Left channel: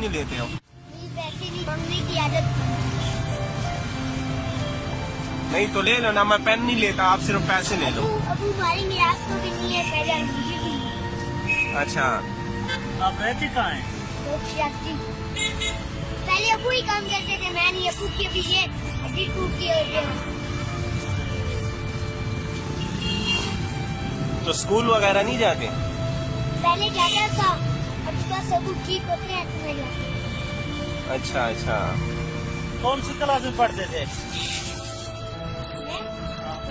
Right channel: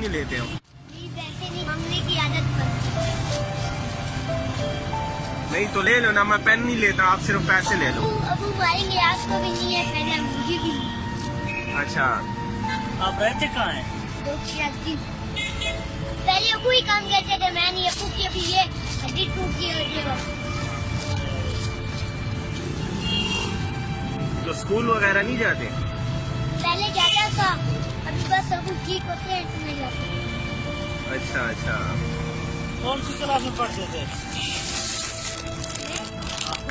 नहीं लेते हो? पैसे नहीं मांगने की आदत बनती है। नहीं तो ले लो ना, मैं पेन नहीं लेता, आप सिर्फ पैसे ले लो। अबू मारेंगे आपको भी नहीं है, पहले मुझे भी नहीं। अच्छा, आप रहते कहाँ हैं? पहले अबू ही काम करते थे, मैं नहीं। अबू की अभी ये हड्डी टूट गई है। तो स्कूल वगैरह नहीं जाते? पहले जाता था, अभी बस अबू ठीक होते हैं इसमें जाते। अच्छा अच्छा। कौन सी क्लास में पढ़ते थे?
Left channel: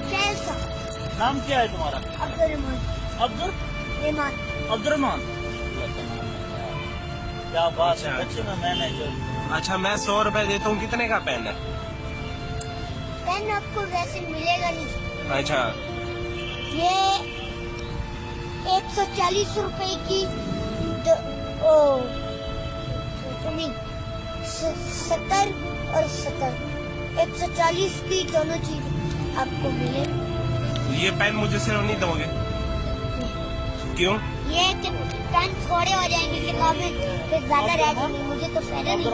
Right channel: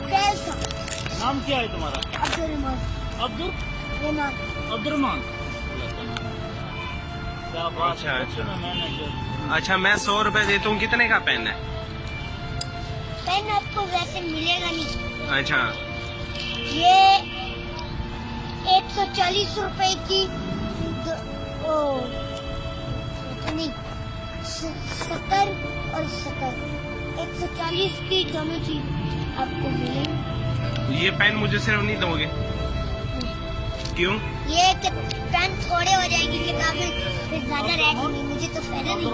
कैसा? नाम क्या है तुम्हारा? अब्दुल अब्दुलरहमान। क्या बात अच्छा, है, अच्छा। मैंने जो अच्छा, मैं 100 रुपए देता हूँ, कितने का पेन है? पेन आपको वैसे मिलेगा नहीं। अच्छा, ये 140 रुपए की नहीं, 70 और 70, 140 की दोनों चीज आपको मिलेगी। ये पेन मुझे सिर्फ नहीं दोगे? क्यों? ये पेन थोड़े हो जाएंगे, किताबें फिर ज्यादा रह जाएंगी। मुझे तो पहले नहीं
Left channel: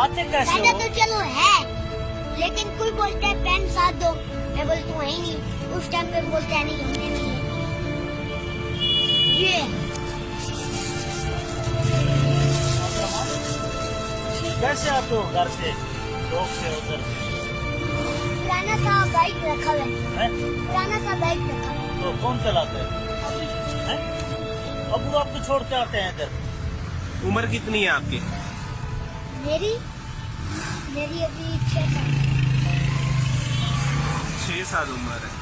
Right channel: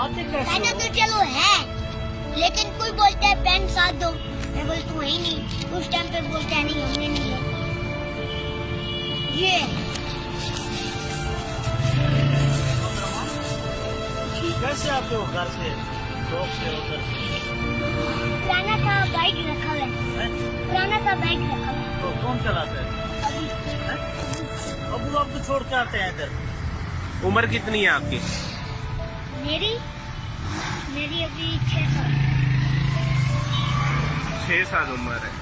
आते कैसे ज्यादा हो? तो चलो है, लेकिन कोई बोलता है पेन साथ दो, मैं बोलती हूँ ही नहीं। उस टाइम पे बोलता है नहीं, हमने नहीं है। ये कैसे आप हो घर से लोग से उधर? पुराना सा बाइक रखा हुआ है, हैं? पुराना सा बाइक रखा हुआ तो कौन चलाते हैं? है। अभी हैं? अबू आपको छोड़ के आते हैं इधर? उम्र कितनी है आपकी? मेरी मेरी अभी 6 साल। 6 साल उम्र है।